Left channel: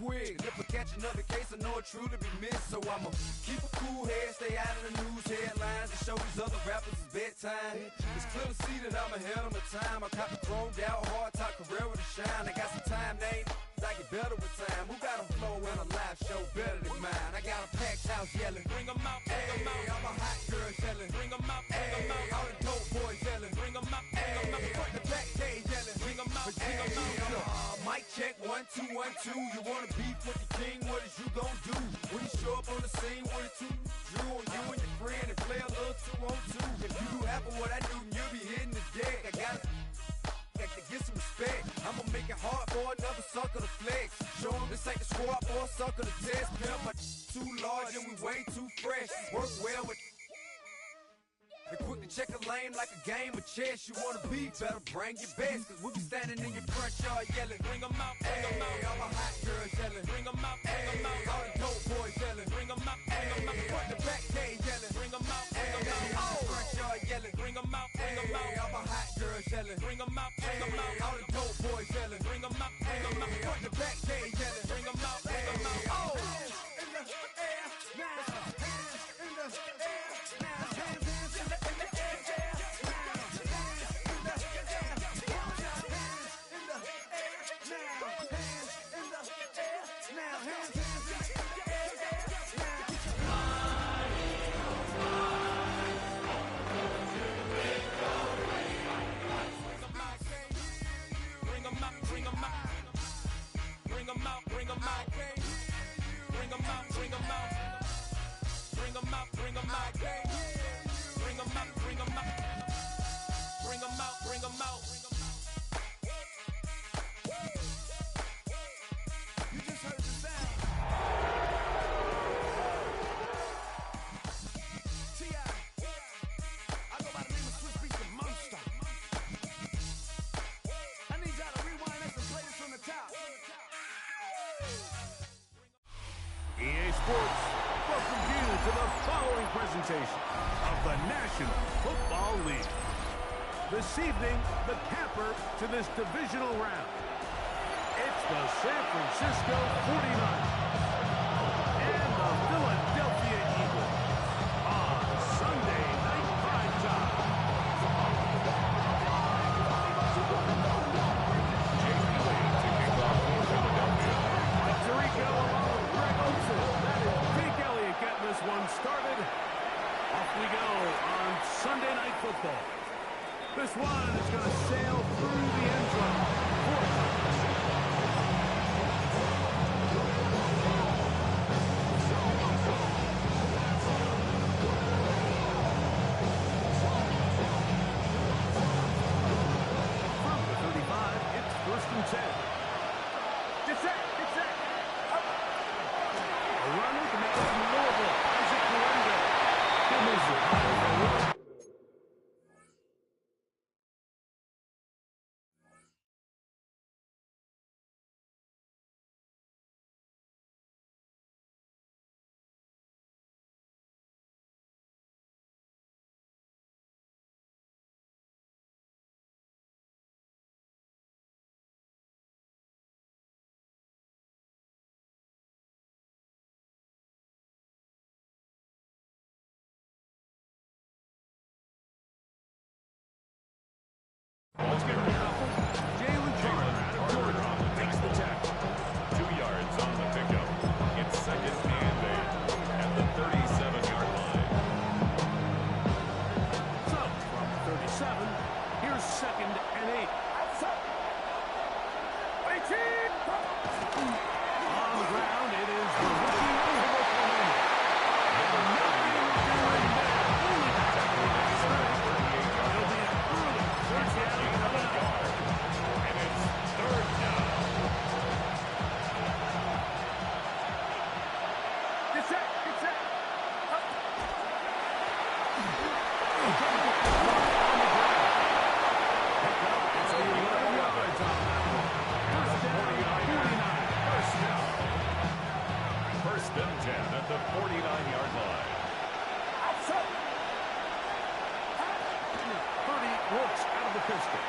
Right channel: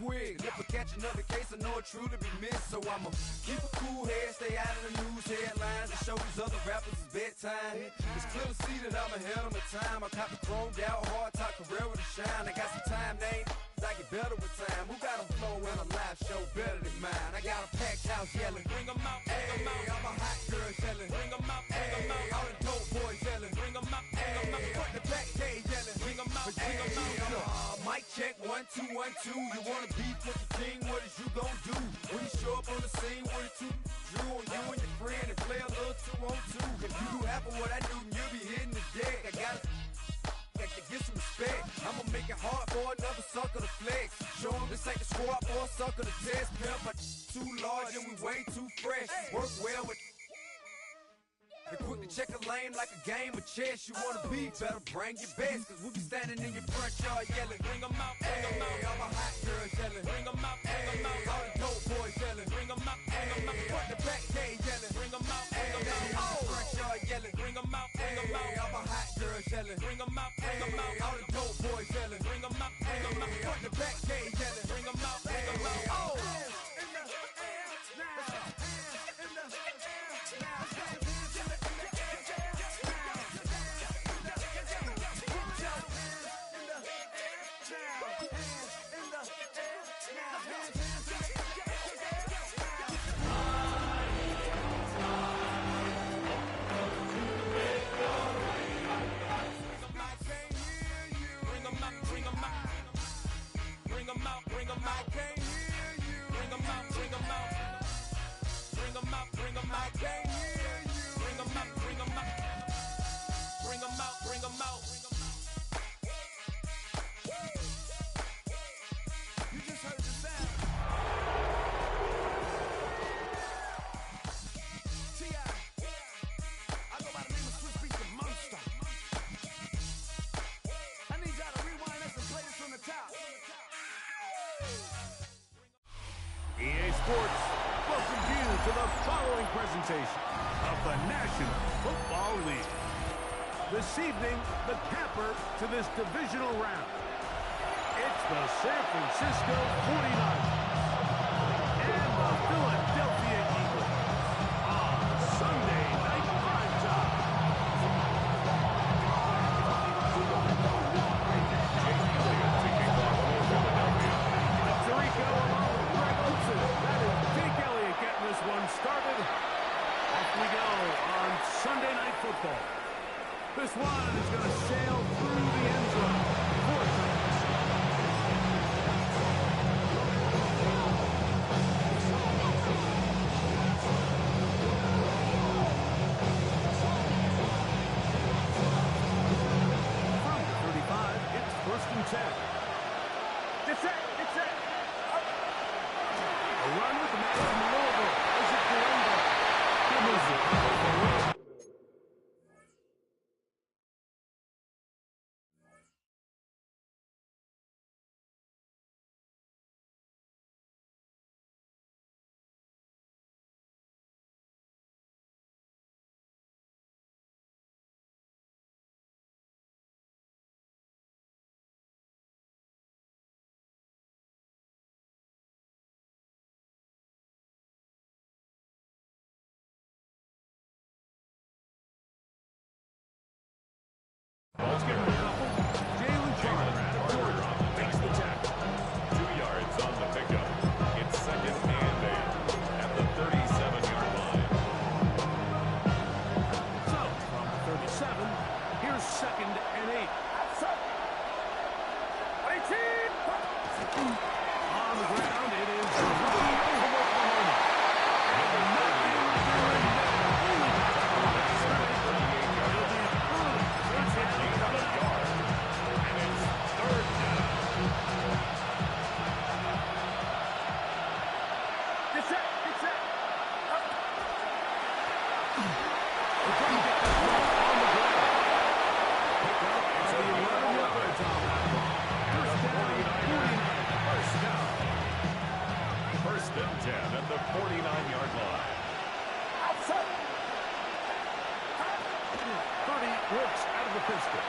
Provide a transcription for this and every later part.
quick. If I catch another case, I know it truly be missed. So I'ma keep a cool head, stay out of the news headlines, and show these other rappers it's bedtime. It's clear to see that I'm ahead of my time. I caught the chromed out, hard top career to shine. I got some time, they ain't I get better with time. Who got a flow and a live show better than mine? I got a packed house yelling, bring 'em out, bring 'em out. I'm a hot girl yelling, bring 'em out, bring 'em out. All the dope boys yelling, bring 'em out, bring 'em out. Front the back cage yelling, bring 'em out, bring 'em out. Mic check, 1, 2, 1, 2. You wanna beef with the king? What is you gon' do? When you show up on the scene with a two Drew on you and your friend and play a little 2-on-2. If you do half of what I do, then you'll be hitting the deck. I gotta to get some respect. I'ma make it hard for another sucker to flex. Show 'em this ain't the squad for a sucker to test. Pimp, my too large and we way too fresh. Work well with and quick to check a lane like a game of chess. You wanna be better, bring your best. Cause we be standing in your front yard yelling, bring 'em out, bring 'em out. All my hot girls yelling, bring 'em out, bring 'em out. All the dope boys yelling, bring 'em out, bring 'em out. Front the back cage yelling, bring 'em out, bring 'em out. Oh, front yard yelling, bring 'em out, bring 'em out. All my hot girls yelling, bring 'em out, bring 'em out. All the dope boys yelling, bring 'em out, bring 'em out. Front the back cage yelling, bring 'em out, bring 'em out. Oh. EA Sports welcomes you to the following presentation of the National Football League. This evening, the capper to this divisional round. It's the San Francisco 49ers and the Philadelphia Eagles on Sunday Night Primetime. Jake Elliott to kick off for Philadelphia. Mike Tirico along with Greg Olsen. That is Jake Elliott getting this one started. Off we go on Sunday Night Football. This one is going to sail through the end zone 4 times. From the 35, it's 1st and 10. Get set, get set. Up. A run with the man from Louisville, Isaac Guerrero. He moves it forward. Ball's getting ready. Jalen Carter out of Georgia makes the tackle. 2 yards on the pickup. It's 2nd and 8 at the 37-yard line. So, from the 37, here's 2nd and 8. On the ground, it is the rookie from Oklahoma. Nothing doing there. Only back to the line of scrimmage. It'll be an early 3rd down coming up. And it's 3rd down. Get set, get set. Up. On the ground. Pick up. It's 11 yards on that one. First down, 49. First down. 1st and 10 at the 49-yard line. 30 works out of the pistol.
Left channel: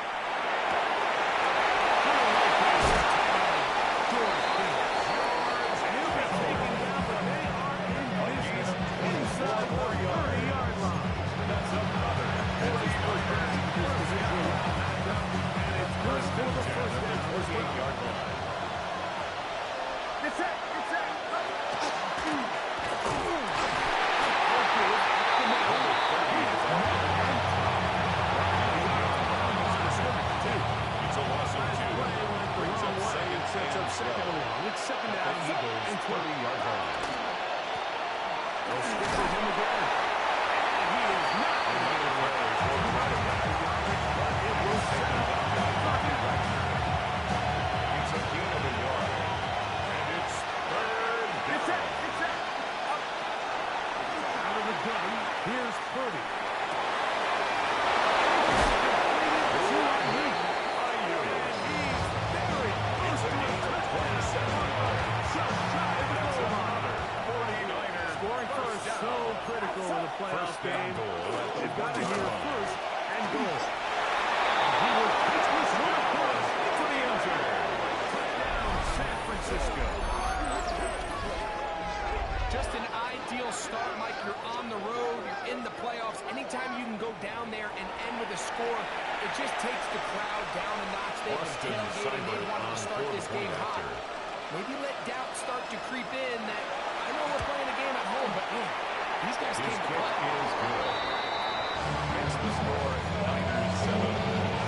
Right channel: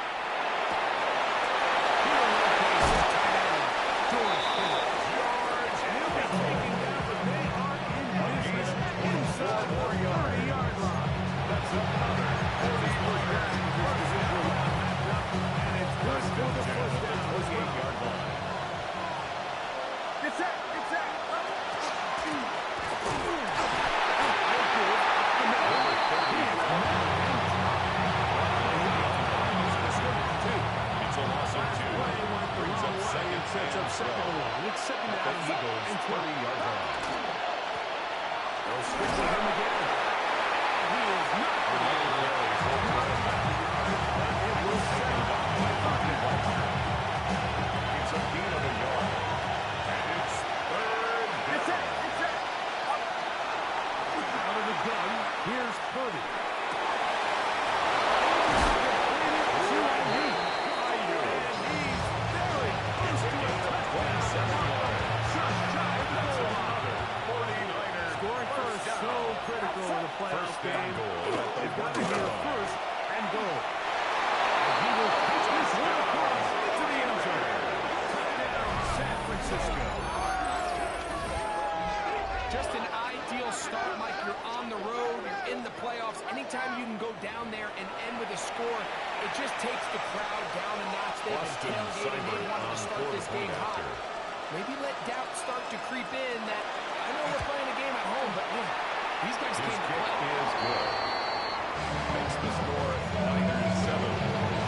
Here locates his tight end, George Kittle. 48-yard line. Get set. Number 30 is on the line. It's a loss of 2. Brings up second and long. It's second at down the Eagles' 30-yard line. They'll stick with him again. And he is not going to get it Carry for 20 yards, but it will taken down by Bobby Wagner. It's a gain of a yard. And it's third down. Out of the gun, here's Purdy. And he's very close to a touchdown. 27 yards. Just shy of the That's goal line. another 49er. Scoring first, down. so critical in a playoff First down game. goal at the They've got to 1-yard hear line. first and goal. And he will pitch this one across into the end zone. Touchdown, San Francisco. Just an ideal start, Mike. You're on the road, you're in the playoffs. Anytime you can go down there and end with a score, it just takes the crowd down a notch. They've been tailgating. They wanted to start this game hot. Maybe let doubt start to creep in that I know we're playing a game at home, but man, these guys His came to kick play. is good. Makes the score Niners 7,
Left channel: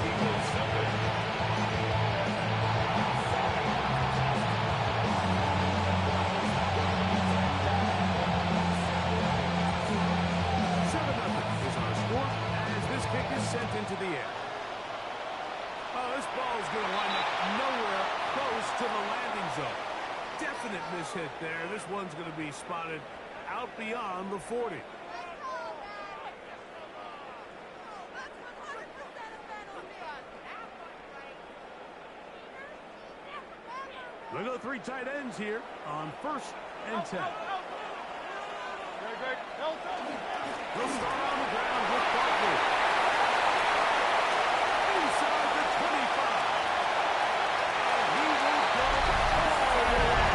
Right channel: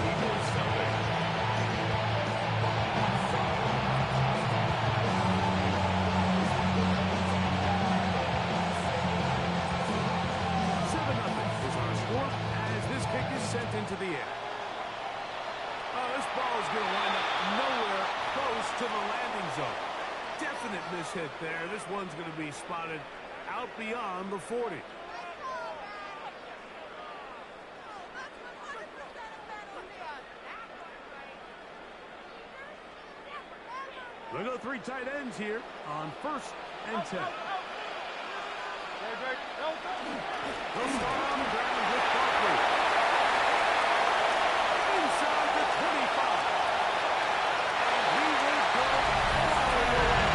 Eagles 7. 7-0 is our score as this kick is sent into the air. Oh, this ball is going to wind up nowhere close to the landing zone. Definite mishit there. This one's going to be spotted out beyond the 40. We'll go 3 tight ends here on 1st and 10. They'll start on the ground with Barkley. Inside the 25. And he will go all the way.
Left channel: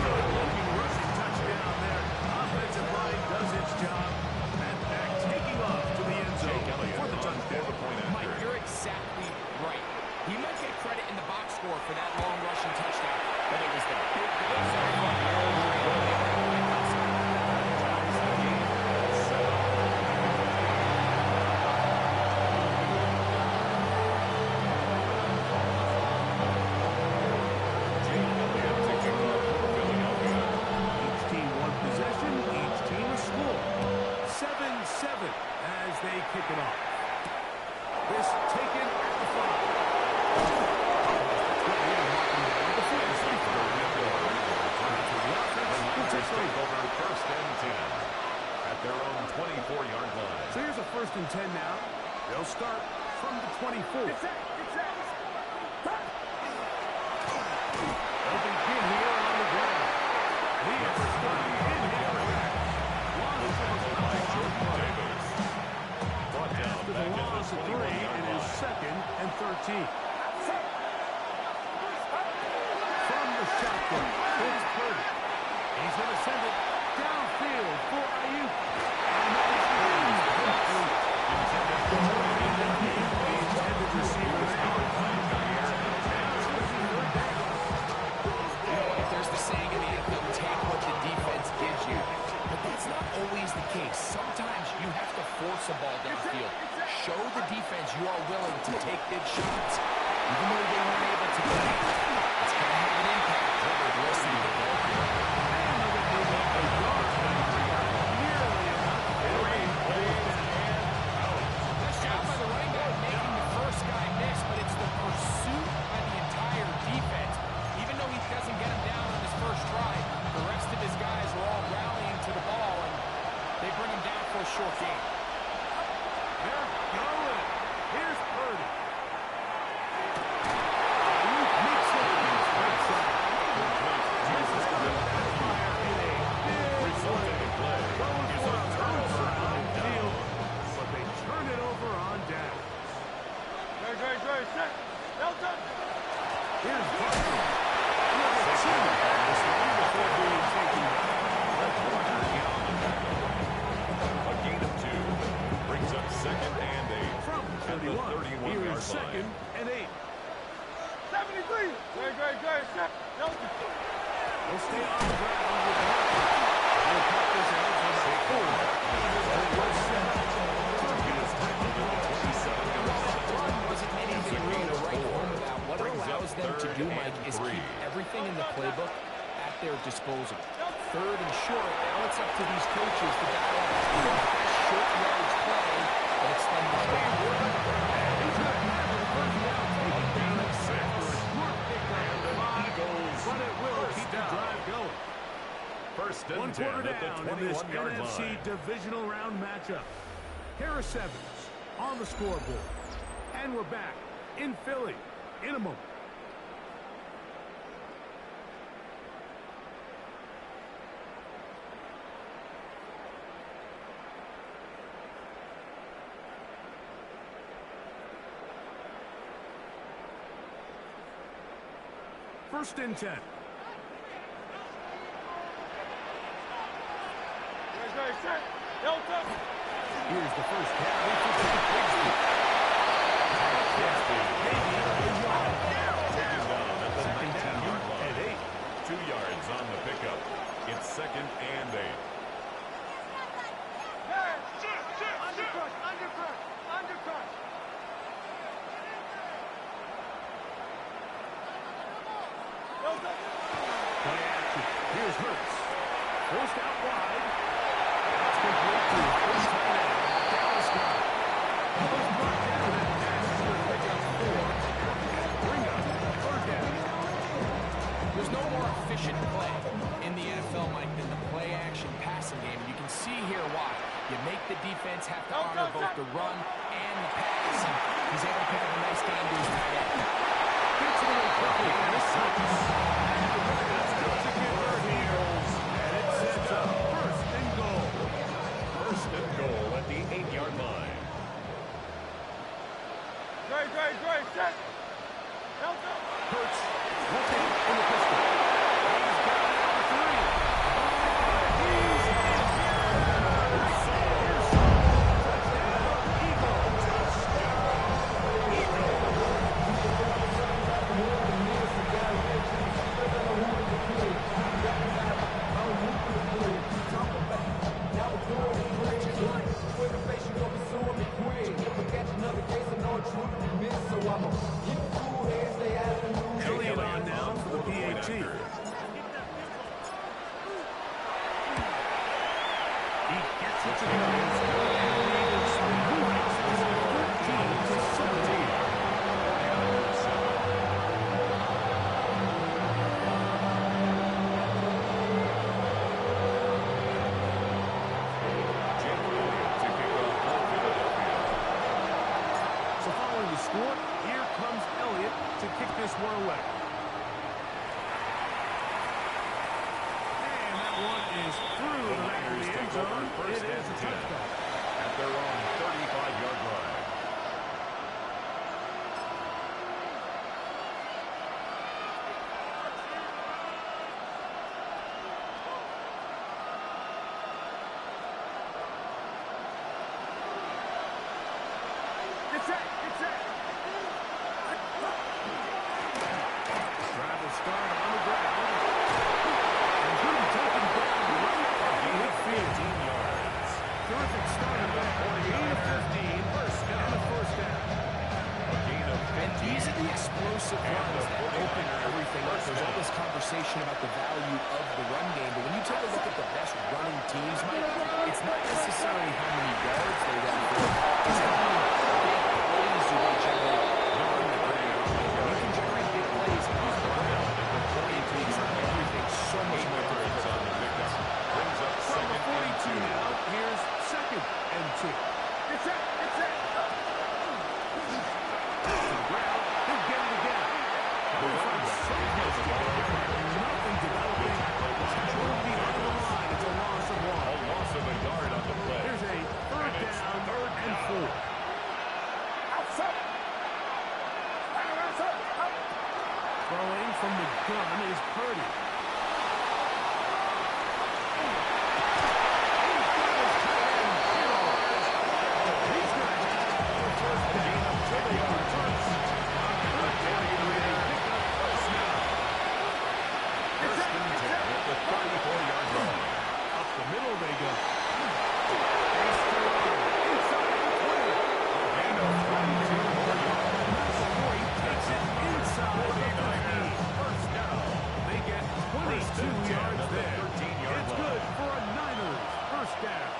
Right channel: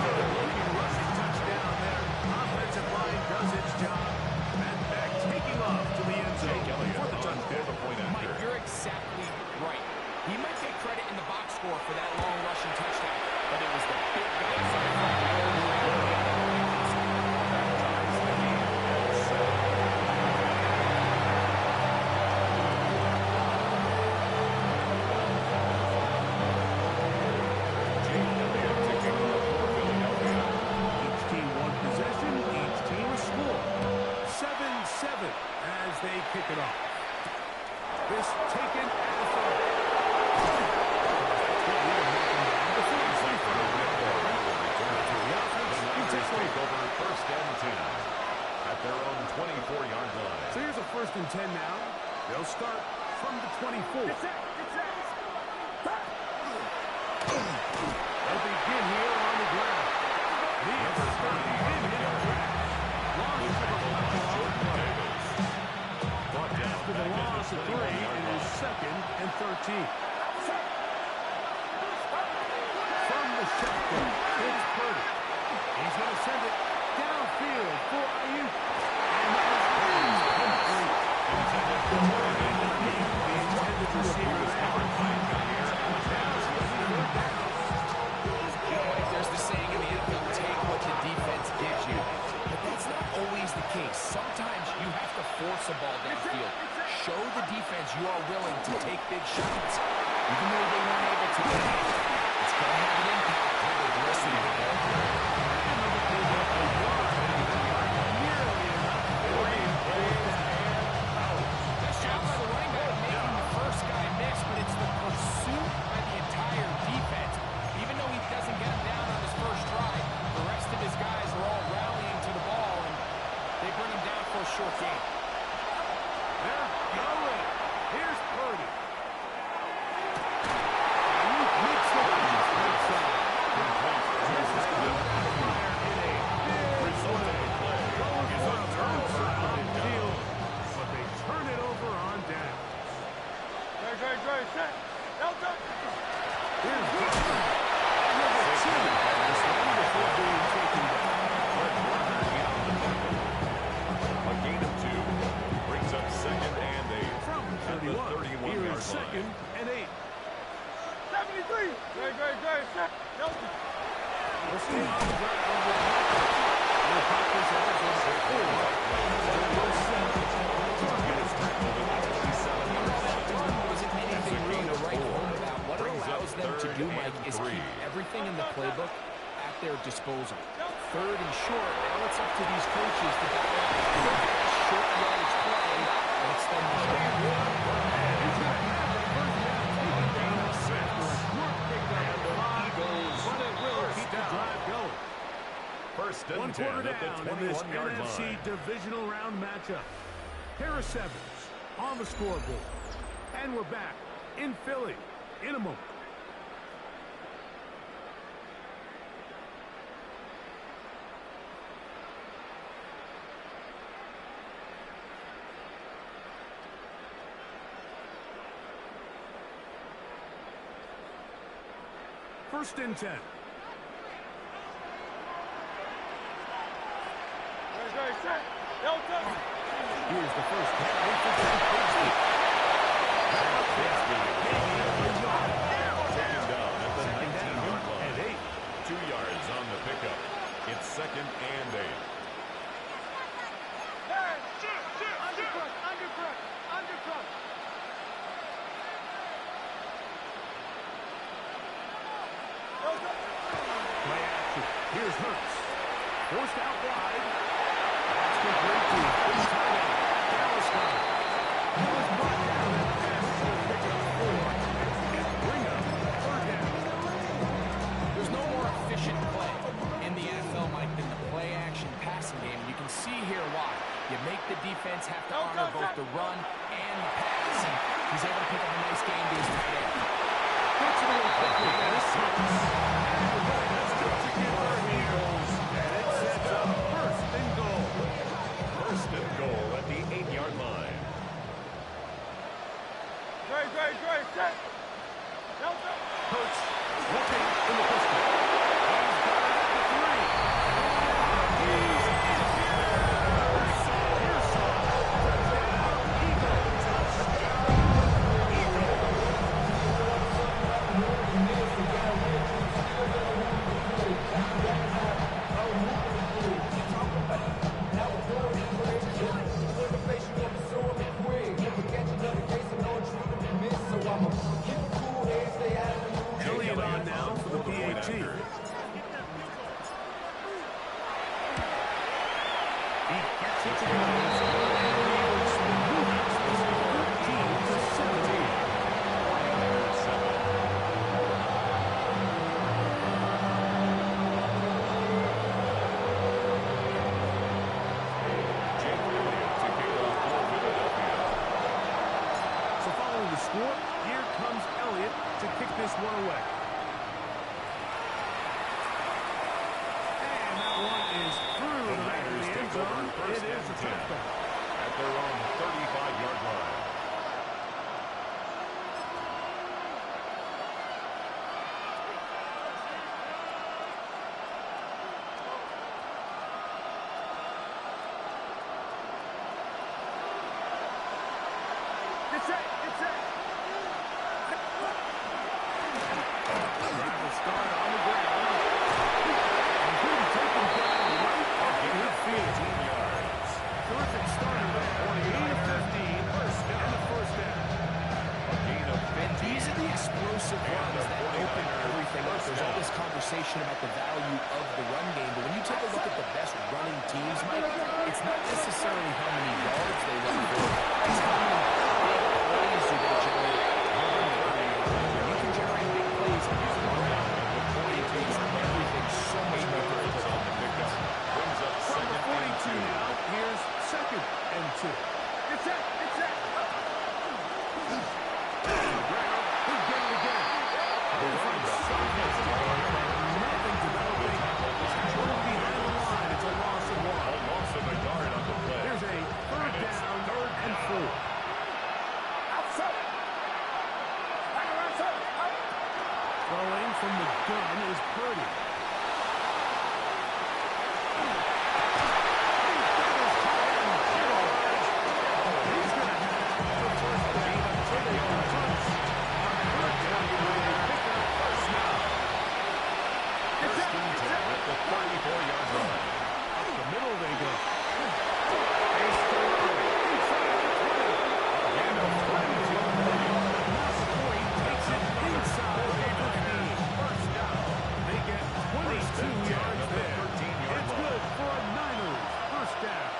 Good-looking rushing touchdown there. Offensive line does its job. And back taking off to the end zone for the touchdown. Mike, you're exactly right. He might get credit in the box score for that long rushing touchdown, but it was the big guys that are running over and over the other line hustle. That ties the game at 7. Jake Elliott to kick off for Philadelphia. Each team one possession, each team a score. 7-7 as they kick it off. This taken at the 5. Take over 1st and 10 at their own 24-yard line. So here's a 1st and 10 now. They'll start from the 24. They'll begin here on the ground. And he is stopped in his tracks. Loss of a couple Jordan on the Davis. Brought down after the back at loss the of 3 21-yard in his line. 2nd and 13. From the shotgun, it's Purdy. He's going to send it downfield for Ayuk. And that is incomplete. Intended for The intended receiver is covered by Jair Now it's going to be 3rd down. You know, like there's the saying in the NFL, take what the defense gives you. But that's not always the case. Sometimes you have to force a ball downfield. Show the defense you are willing to take big shots, even though they weren't able to get it. It's going to have an impact over the rest of the ball here. Nice job by the running back making the first guy miss, but it's the pursuit by the entire defense. Even though he doesn't get him down on his first try, the rest of his guys are all rallying to the ball, and they bring him down for a short gain. They're going. Here's Purdy. Ayuk makes the pass right side. This is going to backfire in a big way. Going for a third side on the field, but they turn it over on downs. Here's Barkley. Another 2 on this one before being taken down. Fred Warner in on the tackle. A gain of 2. brings up 2nd and 8. From 31, at the 31-yard here's line. 2nd and 8. 73. Great. We'll stay on the ground with Marcus. He'll pop this out for the 4. He was tackled at the 27-yard line. Wasn't anything really to write home about. What it allows them to do, Mike, is keep everything in the playbook at their disposal. 3rd and short. Now it's up to these coaches to dial up the best short yardage play and extend the drive. He's going to have the first down taken down at 6. For a short pickup And of an 5, Eagles but it will first keep down. the drive going. 1st and 1 10 quarter at the down in this 21-yard NFC line. divisional round matchup. Harris Evans on the scoreboard. And we're back in Philly in a moment. First and 10. Here's the first carry for Bigsby. Taken down at the 19-yard line. And 8. 2 yards on the pickup. It's 2nd and 8. Undercut. Play action. Here's Hurts. Forced out wide. That's complete to his tight end, Dallas Scott. He was brought down. That pass is going to pick up 4. And bring up 3rd down. There's no more efficient play in the NFL, Mike, than the play-action passing game. You can see here why. You make the defense have to honor both the run and the pass. And he's able to pick up a nice game to his tight end. Gets it away quickly. And it's Hurts. And we're going to have enough to convert here. And it sets up 1st and goal. 1st and goal at the 8-yard line. Great. Set. Hurts looking in the pistol. He's got it at the 3. He's in here. Pearson. Touchdown, Eagles. Touchdown, Eagles. Elliott on now for the PAT. He gets it to go. And the Eagles move out 13-17. So following the score, here comes Elliott to kick this one away. And that one is through the back of the end zone. It is a touchback. At their own 35-yard line. Drive will start on the ground. And good taken down right off the midfield. 15 yards. Terrific start there. Gain of 15. And the first down. A gain of 15. And these are the explosive runs that open everything up. There's all this conversation about the value of the run game, but when you take a look at the best running teams, Mike, it's not necessarily how many yards they run for, it's how many big plays do they generate on the ground. You can generate big plays on the ground. It makes everything so much more difficult. On the pickup. Brings up From the 2nd and 42 now, here's 2nd and 2. It's set. To the ground, he'll get it again. The running back has the ball. Nothing developing. Tackle behind the line. It's a loss of 1. A loss of a yard on the play. Here's a third And it's down third and down. 4. Throwing from the gun is Purdy. He's got his tight end, George. He's So they convert on third down with a pickup first down. First and 10 at the 34-yard line. Up the middle they go. Face to run. Inside the 20. Again, a 22 more yards. Not before he takes it inside the 15. First down. They get 22 yards at the there. 13-yard It's line. good for a Niners first down.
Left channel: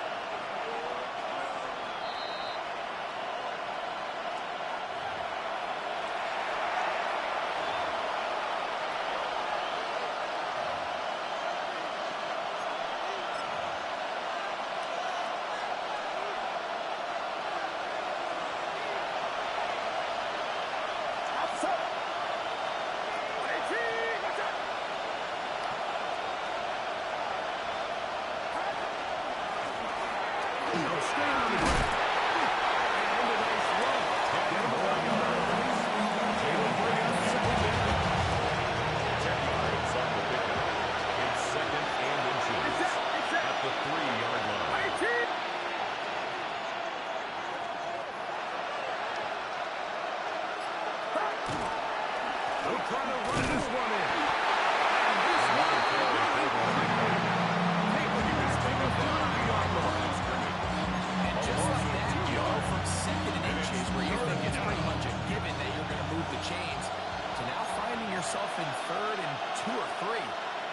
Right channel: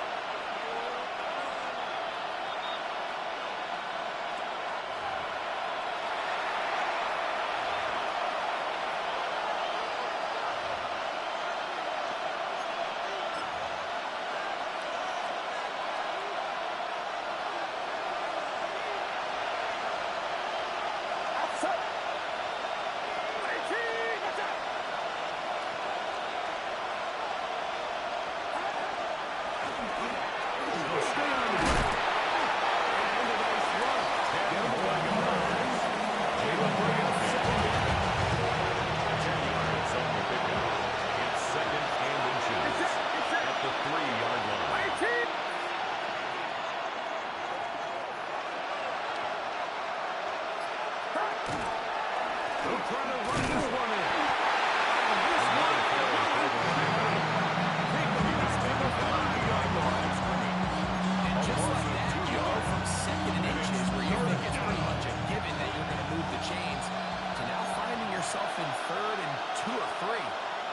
In 3rd and 2 or 3.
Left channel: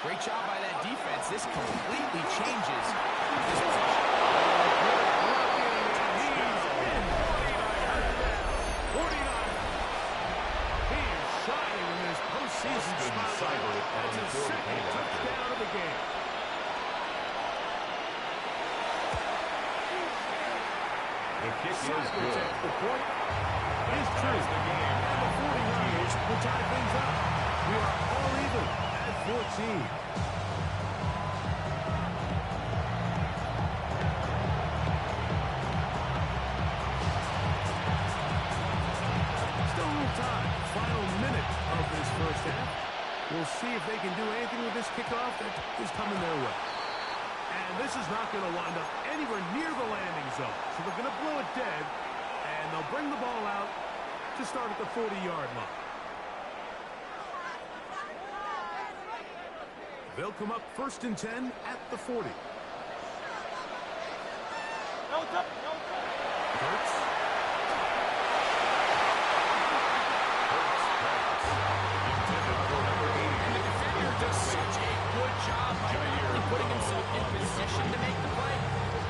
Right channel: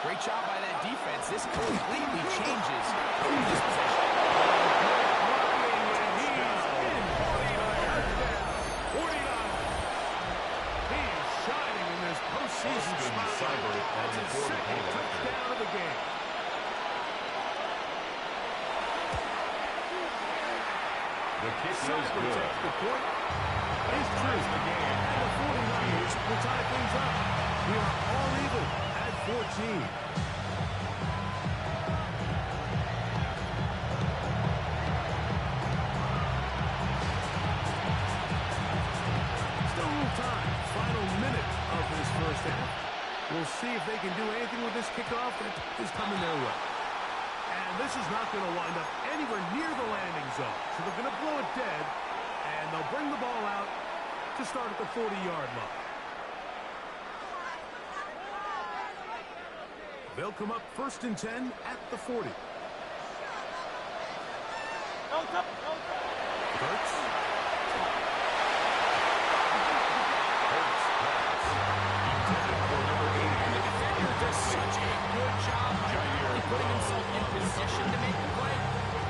Great job by that defense. This completely changes this possession. Good blocking, and he's in. 49. He is shining in this postseason spotlight. That's his second touchdown of the game. The kick is Cybers good. at the point. Is true. The game. And the 49ers will tie things up. We are all even at 14. Still a little time. Final minute of this first half. We'll see if they can do anything with this kickoff that is coming their way. And this is not going to wind up anywhere near the landing zone. So they're going to blow it dead, and they'll bring the ball out to start at the 40-yard line. They'll come up 1st and 10 at the 40. Hurts. Pass. Intended for number 80. And the defender does such a good job by not only putting himself in position to make the play,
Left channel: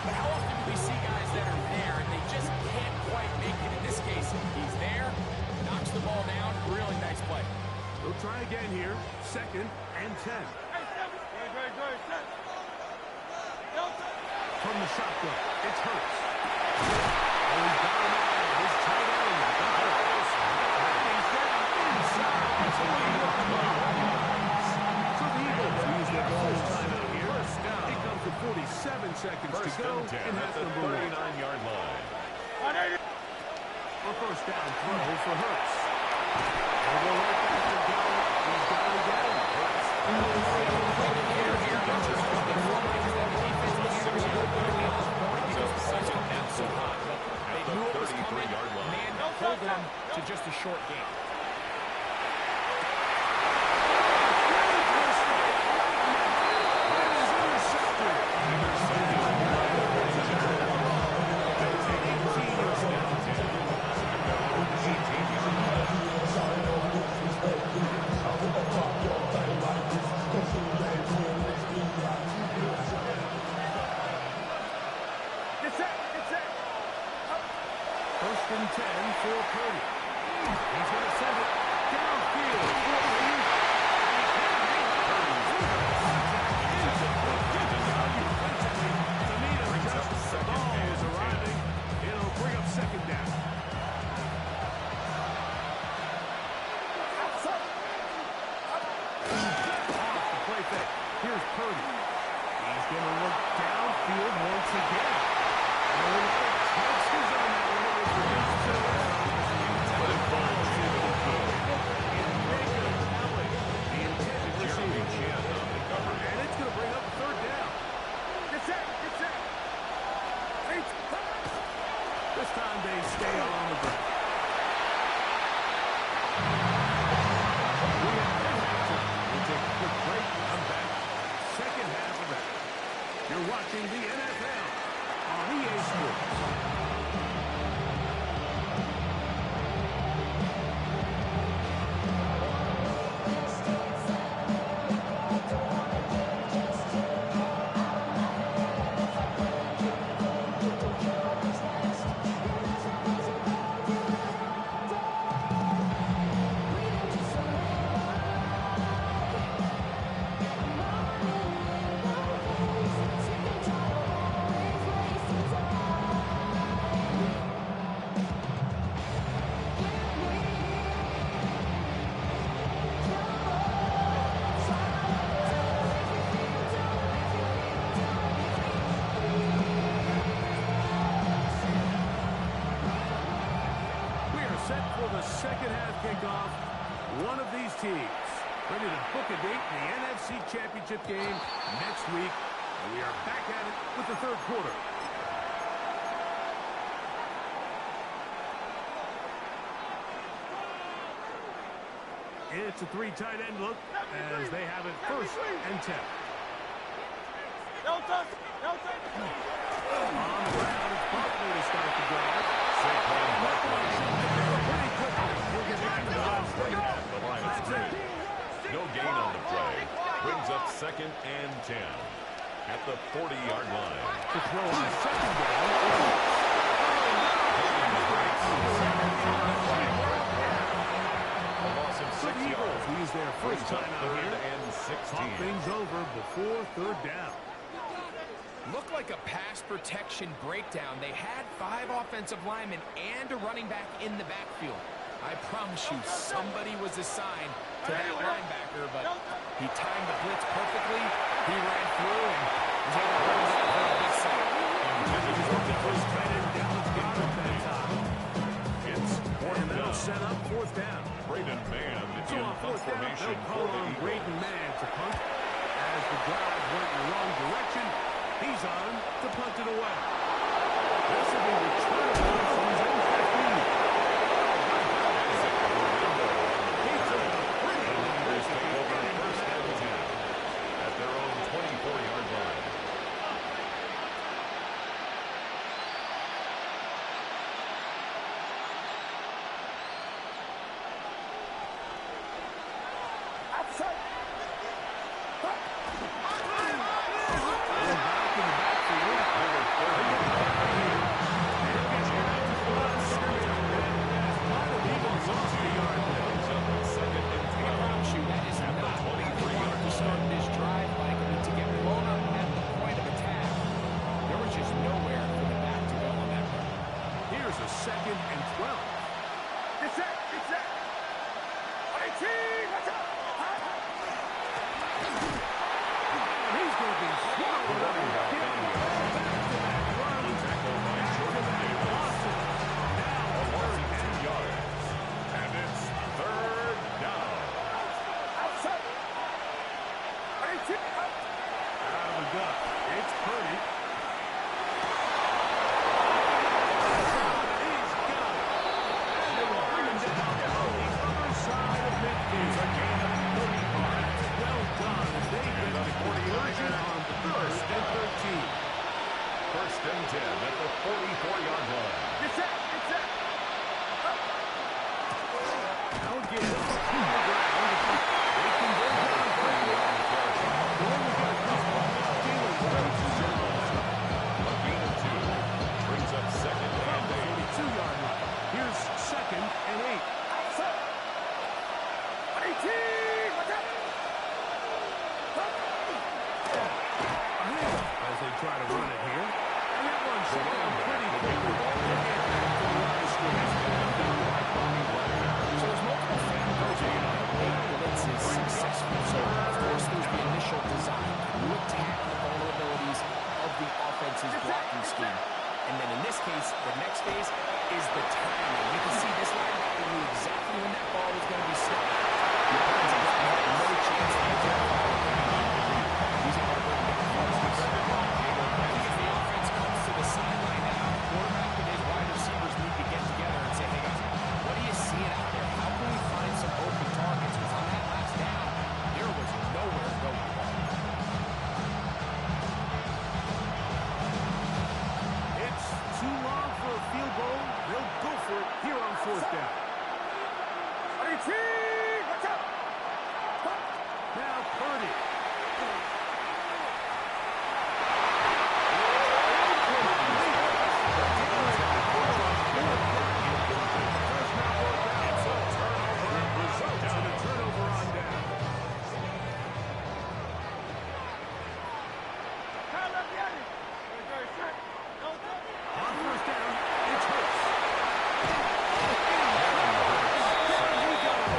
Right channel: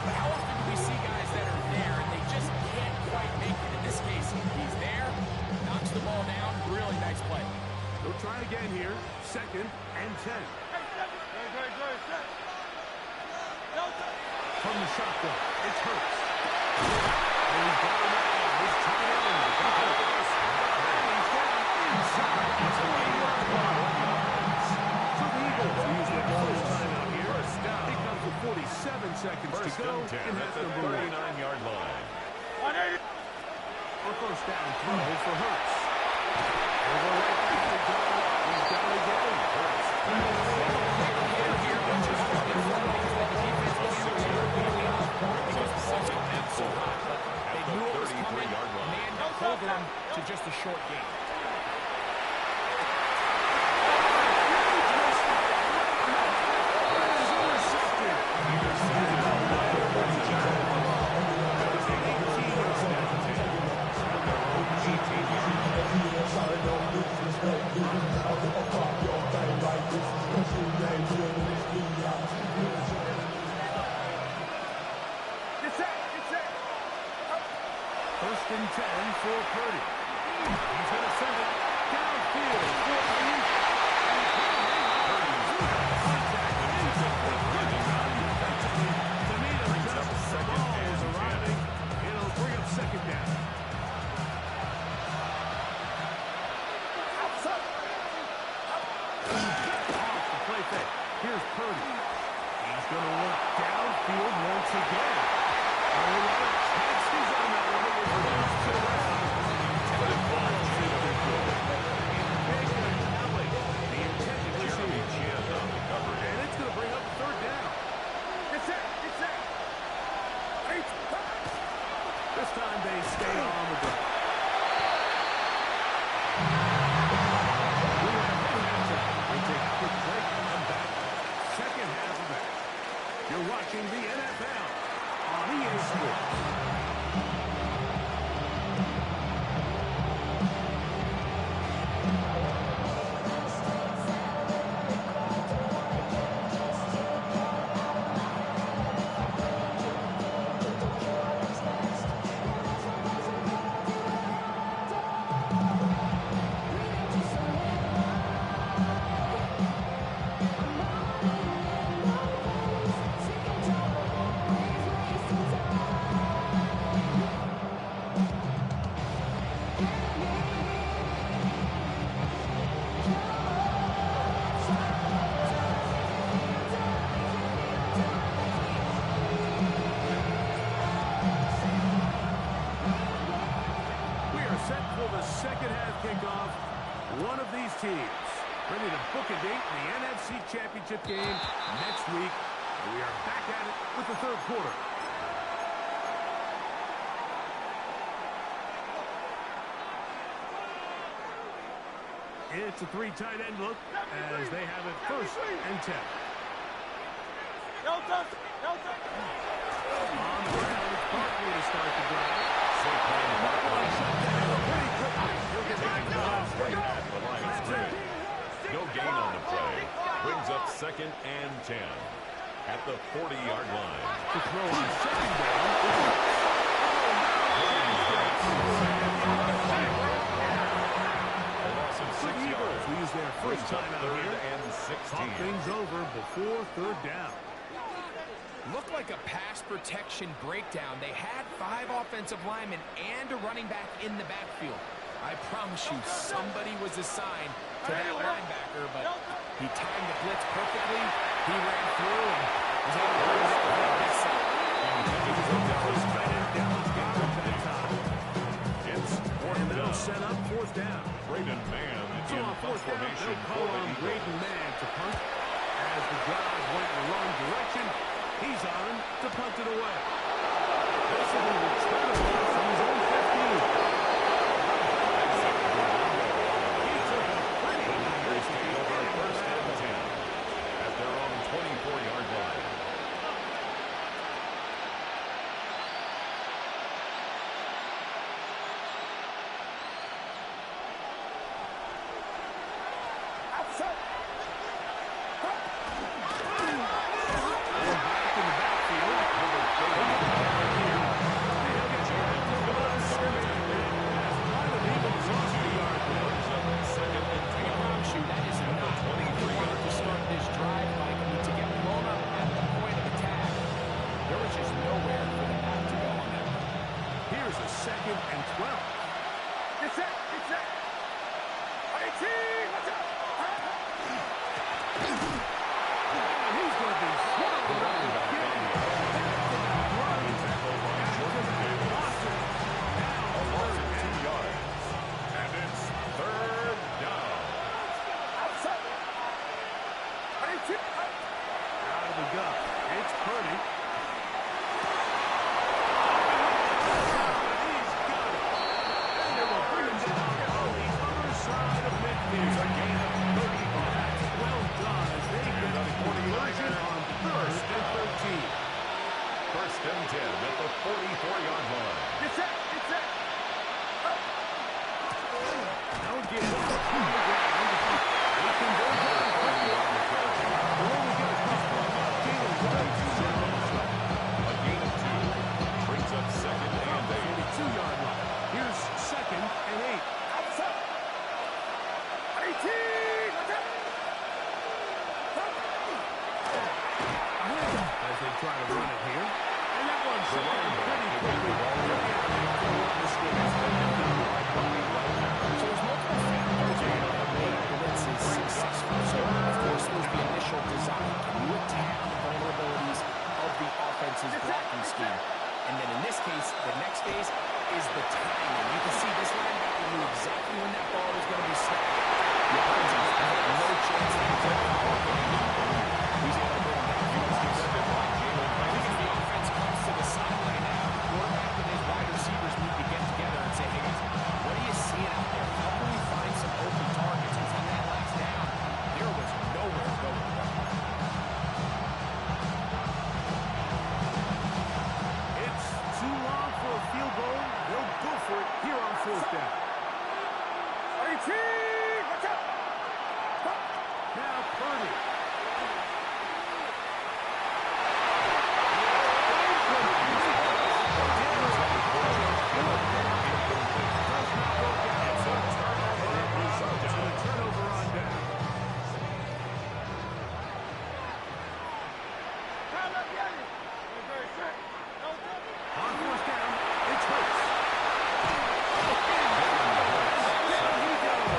but how often do we see guys that are there and they just can't quite make it? In this case, he's there, knocks the ball down. Really nice play. They'll try again here. 2nd and 10. From the shotgun, it's Hurts. Oh, he's got him out. His tight end got Hurts. And he's down inside the 40-yard line. So the Eagles use their first time out here. It comes with 47 seconds First to go and 10 in at half the number 1. 39-yard line. A first down throw for Hurts. They'll go right back to Gunner. He's got it again. Hurts. Quick hitter here, but just the front because the defense looks to be because the sun's coming out so hot. But they knew it was coming. Man got hold them to just a short game. That is intercepted. First and 10 for Purdy. He's going to send it downfield for Ayuk. And he can't hang on. Contact inside. Good value defensively to meet him just as the ball is arriving. It'll bring up 2nd down. Off the play fake. Here's Purdy. He's going to look downfield once again. A lot of chances on that one. It bounces it around. But it falls into the field. In Baker Kelly, the intended receiver. On the cover. And it's going to bring up a 3rd down. Get set. This time they stay on the ground. set for the second half kickoff. One of these teams ready to book a date in the NFC Championship game next week. And we are back at it with the third quarter. It's a three tight end look as they have it 1st and 10. No touch. No touch. On the ground, it's Barkley to start the drive. Saquon Barkley Pretty quickly. He'll get back to the line. at the line of scrimmage. No gain on the play. Brings up 2nd and 10 at the 40-yard line. To throw on 2nd down. A loss of 6 yards. Use their first Brings up time out 3rd here. and 16. Talk things over before 3rd down. Looked like a pass protection breakdown. They had 5 offensive linemen and a running back in the backfield. I promise you, somebody was assigned to that linebacker, but he timed the blitz perfectly. He ran through and was able to bring down for a big sack. That was tight end Dallas Goddard that time. It's 4th And that'll down. set up 4th down. Braden Mann So in on punt 4th down, formation they'll for call the on Eagles. Braden Mann to punt. As the drive went in the wrong direction, he's on to punt it away. This will be returnable from his own 15. He took a pretty good Raiders risk take over getting 1st that and one. 10 at their own 24-yard line. Back in the backfield. Number 30. He'll get back to the line of scrimmage. That might have even lost the yard there. Brings up 2nd and I can 12. promise you, that is At the not how they 23-yard wanted to start line. this drive, Mike. I mean, to get blown up at the point of attack, there was just nowhere for the back to go on that run. Here's a 2nd and 12. Get set. Get set. 18. Watch out. And he's going to be swallowed up Running back again. on the action. Back-to-back runs. Tackled by Jordan Back-to-back Davis. losses. Now A loss 3rd of 2 down. yards. And it's 3rd down. Outside. 18. Out of the gut. It's Purdy. He's got it. And they will bring him down on the other side of midfield. It's a gain of 35. Well done as they get the conversion on 1st and 13. 1st and 10 at the 44-yard line. Get set. Get set. Now again, on the ground. They convert on quickly. On the carry. They only get a couple. Jalen Hurts is in on the A gain of 2. Brings up 2nd and 8. 42-yard line. Here's 2nd and 8. Outside. 18. Watch out. As they try to run it here. And that one's The shut down running back pretty will get quickly. the ball They'll get back to the line of scrimmage. Right Bobby Wagner. So there's multiple factors that make blitzes successful. So, of course, there's the initial design. Can you attack the vulnerabilities of the offense's blocking scheme? And then in this case, the next phase is the timing. You can see this linebacker knew exactly when that ball was going to be snapped. The opponent's line had no chance to identify what they needed. He's able to bring him down. He was defended by Jalen I think Ramsey. if the offense comes to the sideline now, quarterback and his wide receivers need to get together and say, hey, guys, what are you seeing out there? How can we find some open targets? Because on that last down, there was nowhere to go with the ball. It's too long for a field goal. They'll go for it here on 4th down. 18. Watch out. Now Purdy. On 1st down, it's Hurts. There he goes.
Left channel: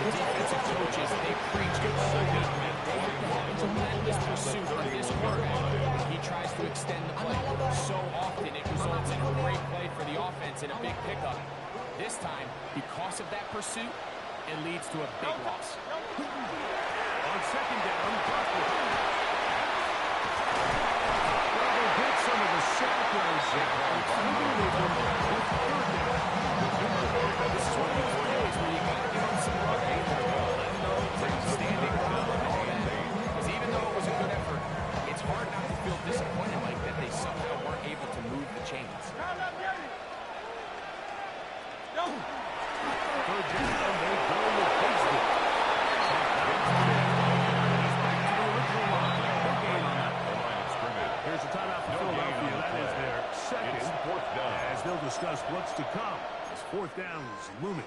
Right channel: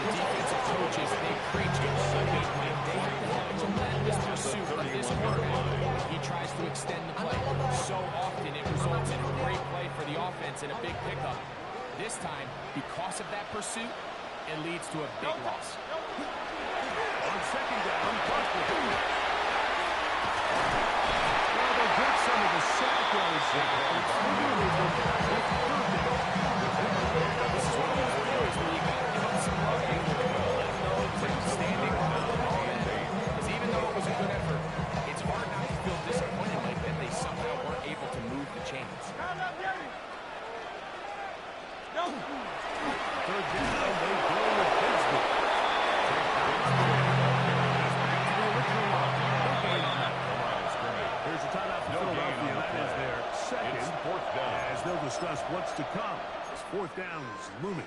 The defensive coach coaches, they preach all week, man. They have to have a relentless pursuit of this quarterback when he tries to extend the play. So often it results in a great play for the offense and a big pickup. This time, because of that pursuit, it leads to a big loss. On second down, Buckley. Well, they'll get some of the sack yards there. This is one of those plays where you got to give up some love. Let them know it was outstanding, all that. Because even though it was a good effort, it's hard not to feel disappointed like that they somehow weren't able to move the chains. Third down, they go with Bigsby. He's back to the original line. No gain on that. The line of scrimmage. Here's a timeout for Philadelphia. That is their second. It's fourth down. As they'll discuss what's to come. As fourth down is looming.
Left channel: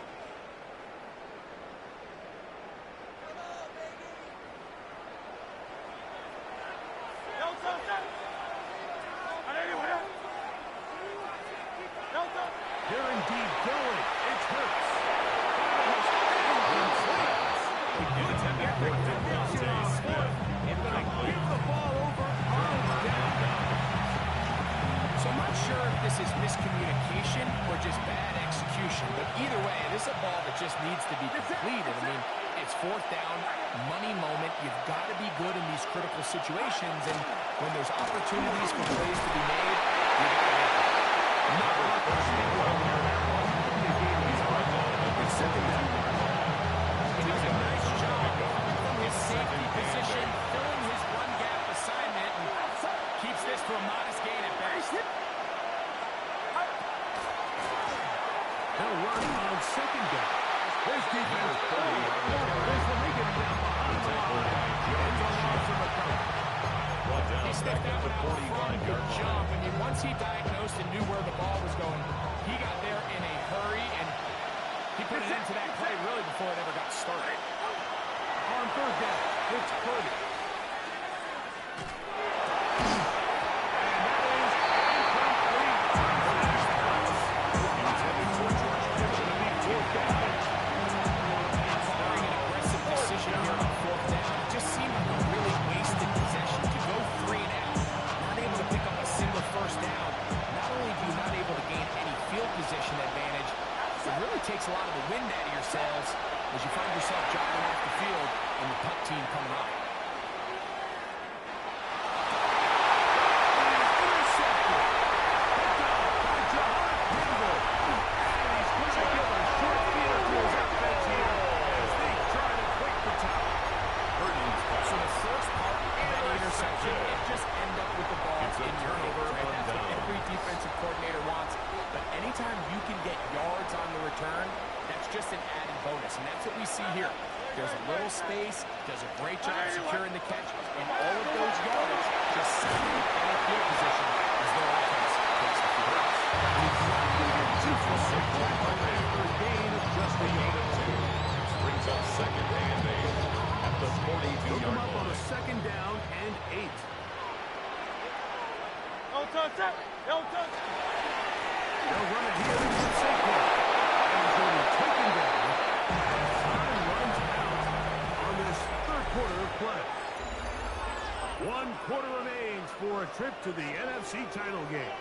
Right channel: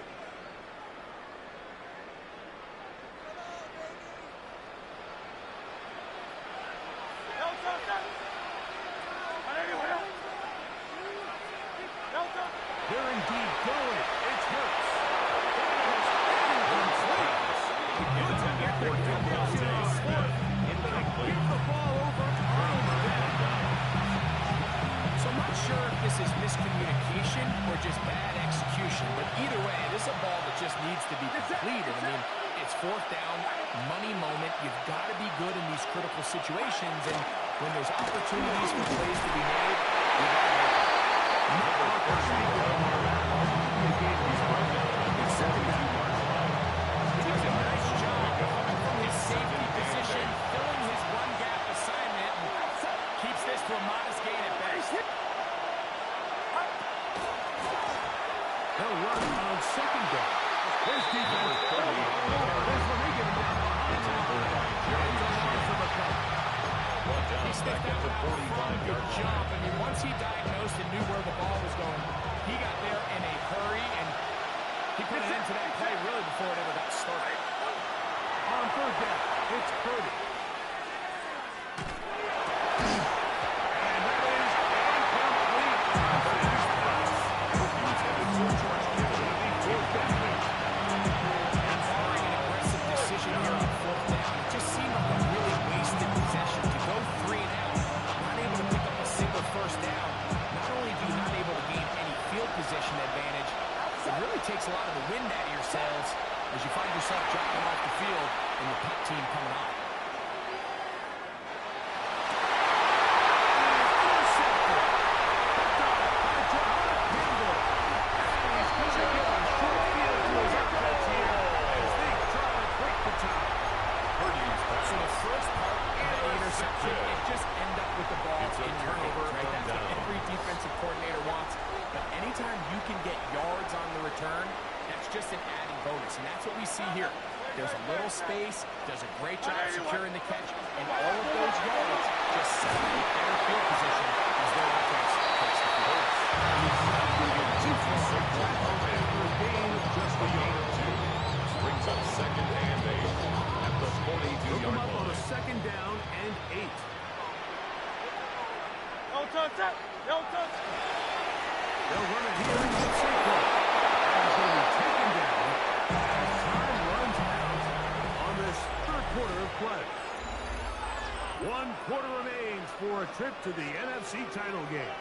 They're indeed going. It's Hurts. That is incomplete. Intended for Devontae Smith. Incomplete. Give the ball over on down. So I'm not sure if this is miscommunication or just bad execution, but either way, this is a ball that just needs to be completed. I mean, it's fourth down, money moment. You've got to be good in these critical situations, and when there's opportunities for plays to be made, you got to make them. Not on first and goal. He's right down at the 72-yard line. He does a nice job coming from his safety position, filling his run gap assignment, and keeps this to a modest gain at best. They'll run on second down. There's defense. There's when they get him down behind the line. It's a loss of a couple. He sniffed that one out front, good jump. I mean, once he diagnosed and knew where the ball was going, he got there in a hurry, and he put it into that play really before it ever got started. On third down, it's Purdy. And that is incomplete. Intended for George Kittle. Incomplete. Barring an aggressive decision here on fourth down, it just seemed like a really wasted possession to go 3 and out, not able to pick up a single first down. Not only do you not able to gain any field position advantage, it really takes a lot of the wind out of your sails as you find yourself jogging off the field and the punt team coming on. Intercepted. Picked up by John Campbell. And he's going to give a short field to his offense here as they try to break the tie. So the first part of any interception, it just end up with the ball in your favor, right? That's what every defensive coordinator wants. But anytime you can get yards on the return, that's just an added bonus. And that's what we see here. There's a little space, does a great job securing the catch, and all of those yards just set up a better field position as their offense takes the field. He's not going to get too far. For a gain of just a yard. Brings up second and 8 at the 42-yard Up on line. a second down and 8. Don't touch that. Don't touch. They'll run it here into Saquon. And he's going to be taken down as time runs out on this third quarter of play. 1 quarter remains for a trip to the NFC title game.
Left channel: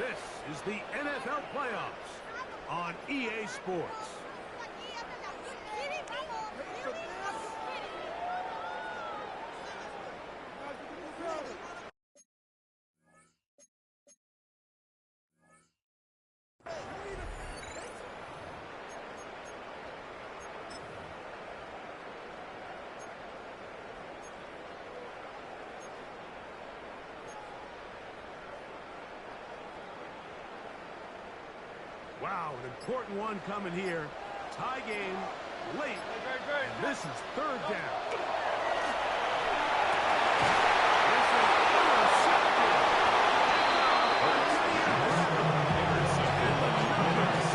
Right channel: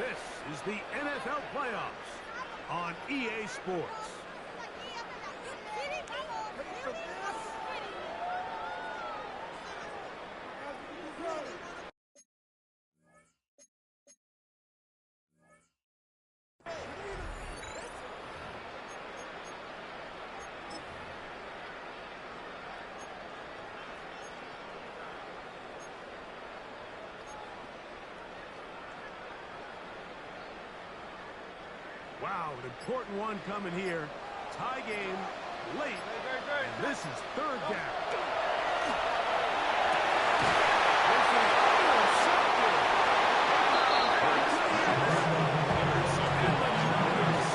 This is the NFL playoffs on EA Sports. Wow, an important one coming here. Tie game late, and this is third down. This is intercepted. Intercepted by the numbers.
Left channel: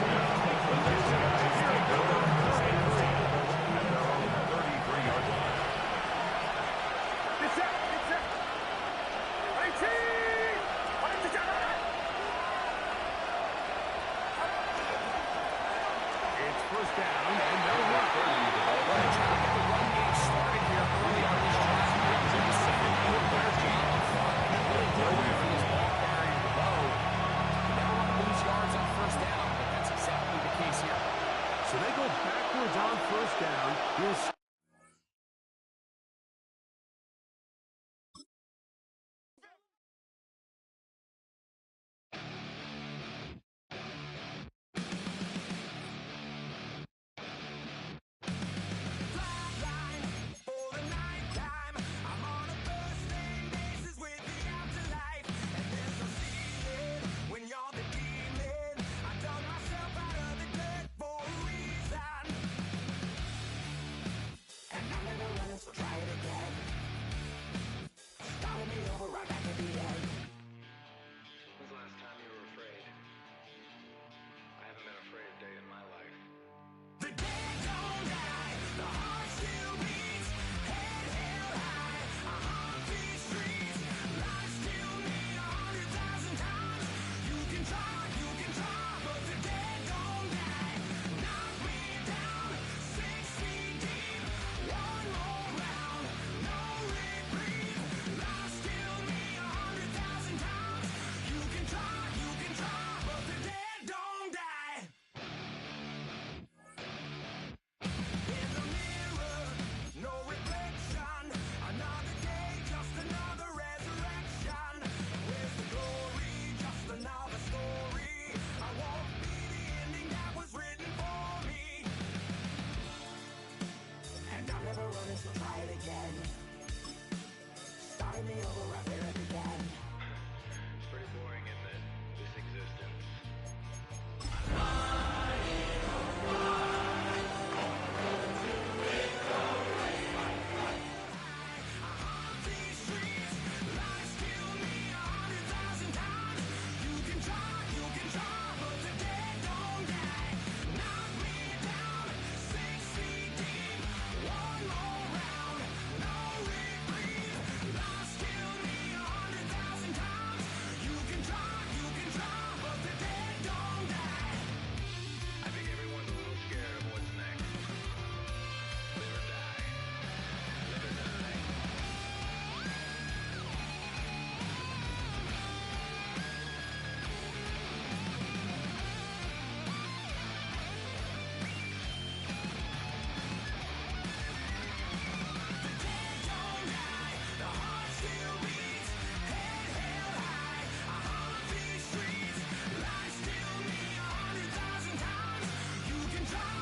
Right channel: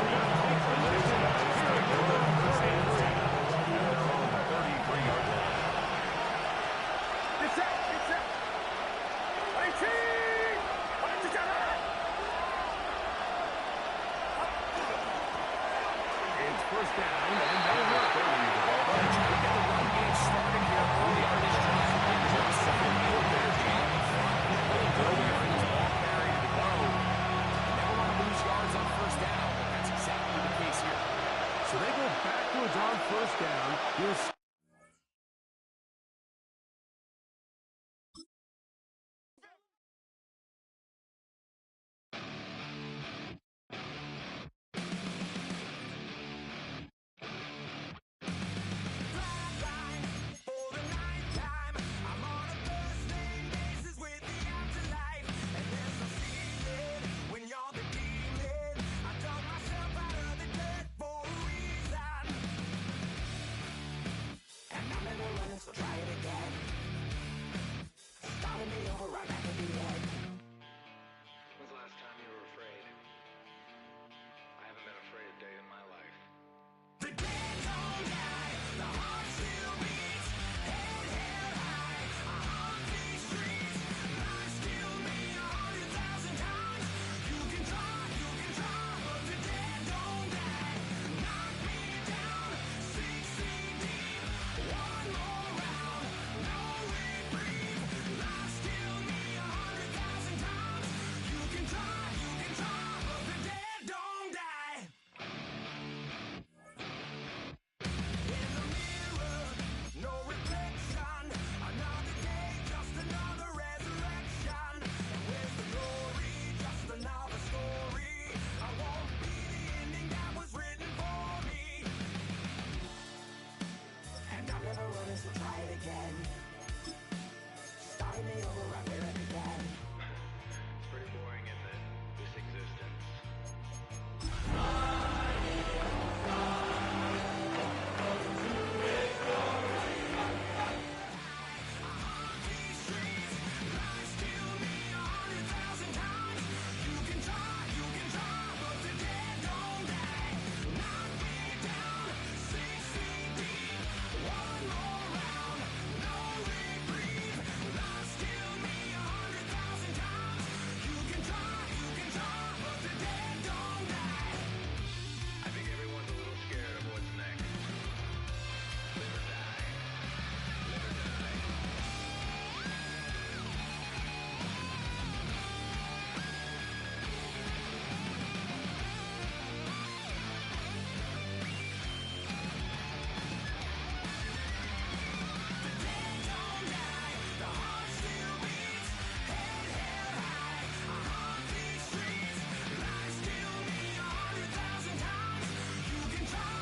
These guys take over first and 10 at their own 33-yard line. It's it. 18. It's first down, and they'll work. They're trying to get the run game started here early on this drive. Do a better job up front. Really nowhere for this ball carrier to go. You never want to lose yards on first down, but that's exactly the case here. So they go backwards on first down. Here's So try it again. Starting me over right back at the end. When's the last time you were afraid? I haven't been afraid a day in my life. The dead don't die, the heart still beats, head held high, I haunt these streets, life still need 100,000 times. You can try, but the dead don't die. Knock me down, 6 feet deep, one more round, no reprieve, life still need 100,000 times. You can try, but the dead don't die. In the mirror, no reflection. Another day, just another resurrection. Where's the glory? Just another story. I won't be the ending that was written for me. And I'm never running, so try it again. Starting me over right where it began. It's pretty boring, isn't it? This existence. These streets, life still need 100,000 times. You can try, but the dead don't die. Knock me down, 6 feet deep, one more round, no reprieve. Life still need 100,000 times. You can try, but the dead don't die. I think everyone's a little scared of what's next. Live or die. Live or die. The dead don't die, the heart still beats, head held high, I haunt these streets, life still need 100,000 times. You can try,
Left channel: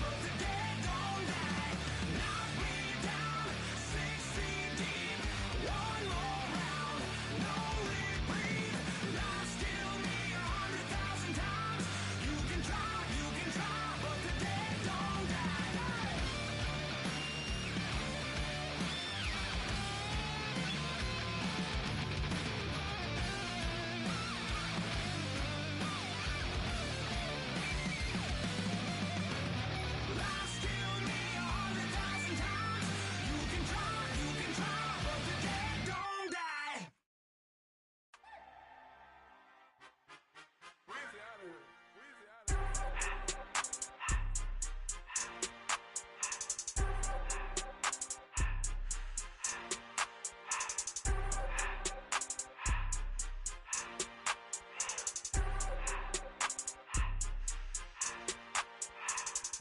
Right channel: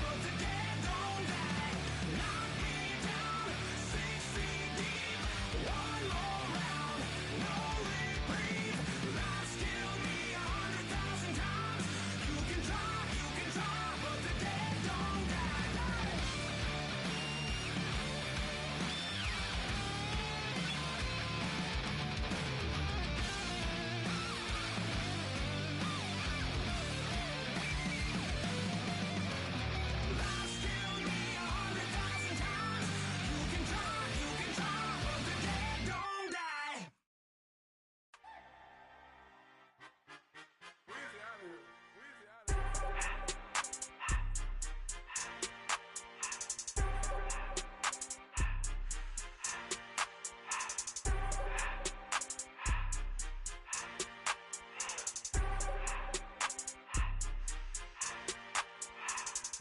but the dead don't die. Knock me down, 6 feet deep, one more round, no reprieve. Life still need 100,000 times. You can try, but the dead don't die. Life still need 100,000 times. You can try, but the dead don't die.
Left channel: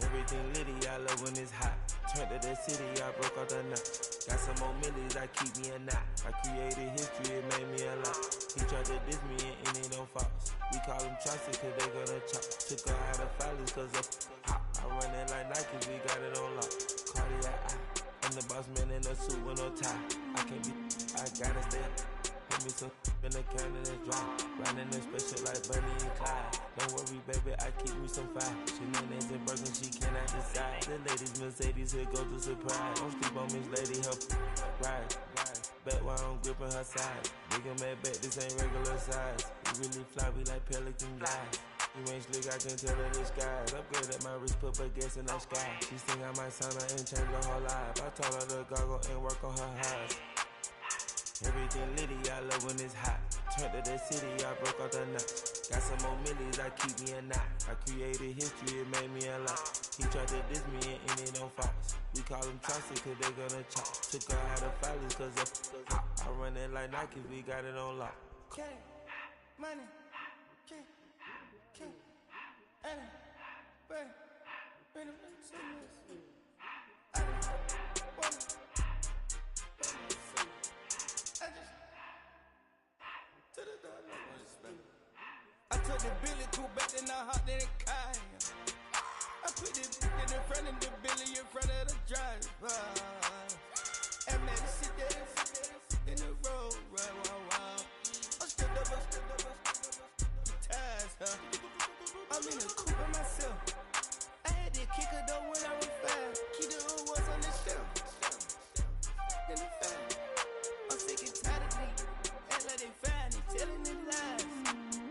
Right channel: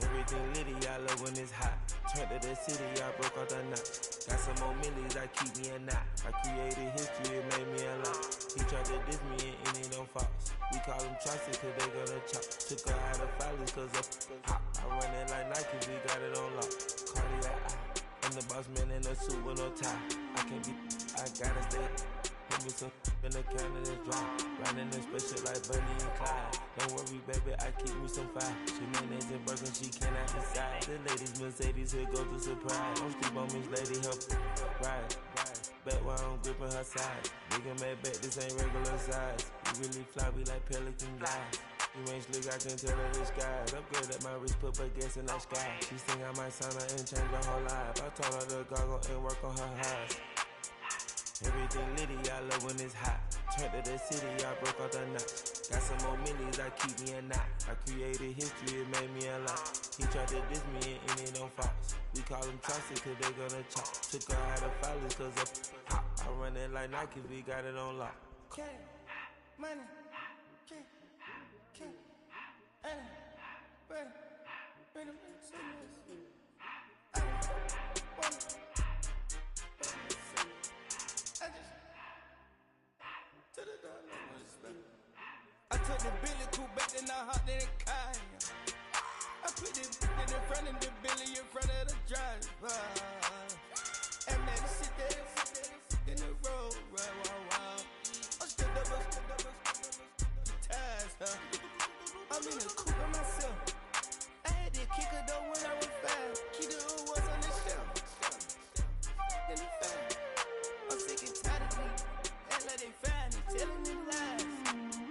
Everything litty, I love when it's hot. Turned to the city, I broke out the knot. Got some more millies, I keep me a knot. I created history, it made me a lot. He tried to diss me and it don't false. We call them choppers cause they gonna chop. Took her out of filers cause of hot. I run it like Nike, we got it on lock. Cardiac eye. I'm the boss man in a suit with no tie. I can't be, I gotta stay. Put me some in the can of this dry. Riding in special like Bunny and Clyde. Don't worry, baby, I keep me some fire. She mayonnaise and burger, she cannot decide. The ladies Mercedes, here goes the surprise. Don't sleep on Miss Lady, help ride. Back while I'm gripping her side. Nigga mad back, this ain't regular size. We really fly, we like pelican guys. You ain't slick, I can tell her the skies. Upgrade at my wrist, put her gas in that sky. She think I might sign her and change her whole life. I told her to goggle and work on her highs. Everything litty, I love when it's hot. Turned to the city, I broke out the nuts. Got some more millies, I keep me a knot. I created history, it made me a lot. He tried to diss me and it on Fox. We call them Chaucer cause they gonna chop. Took her out of filers cause of hop. I run it like Nike, we got it on lock. Cash, money, cash, money, money, money, I took the Billy Cool back, then I hopped in the car. I put the in front of the Billy in front of the driver. And man, sit there in the road, right, wow. I'm still double, ties, huh? I'm in the coupe by myself. I had to kick her though when I was 5. Keep the old ones on the shelf. In the fire. I'm sick and tired of me. Act like they find it, telling them lies.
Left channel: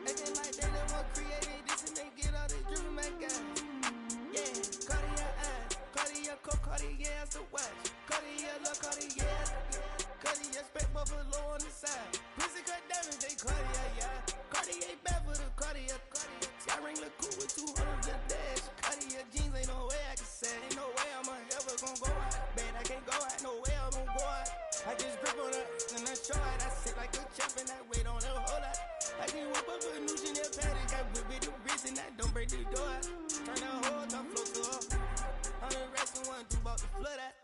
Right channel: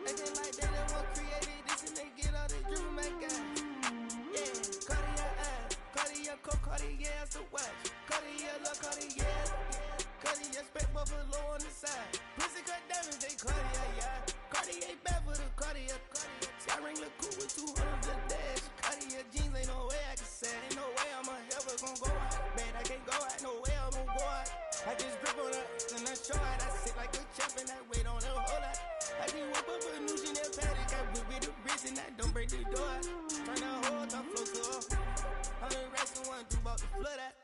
Acting like they the one created this and they get all the dream my guys. Yeah, Cartier eyes, Cartier coat, Cartier as the watch. Cartier look, Cartier, Cartier spec buffalo on the side. Pussy cut diamonds, they Cartier, yeah. Cartier bad for the Cartier. I ring the cool with 200 the dash. Cartier jeans, ain't no way I can say. Ain't no way I'm ever gonna go out. Man, I can't go out, no way I'm gonna go out. I just grip on her and I show out. I sit like a champ and I wait on her whole lot. I just whip up a new Chanel paddock. I whip with the wrist and I don't break the door out. Turn the whole top floor to off. I'm the rest of one, do about the flood out.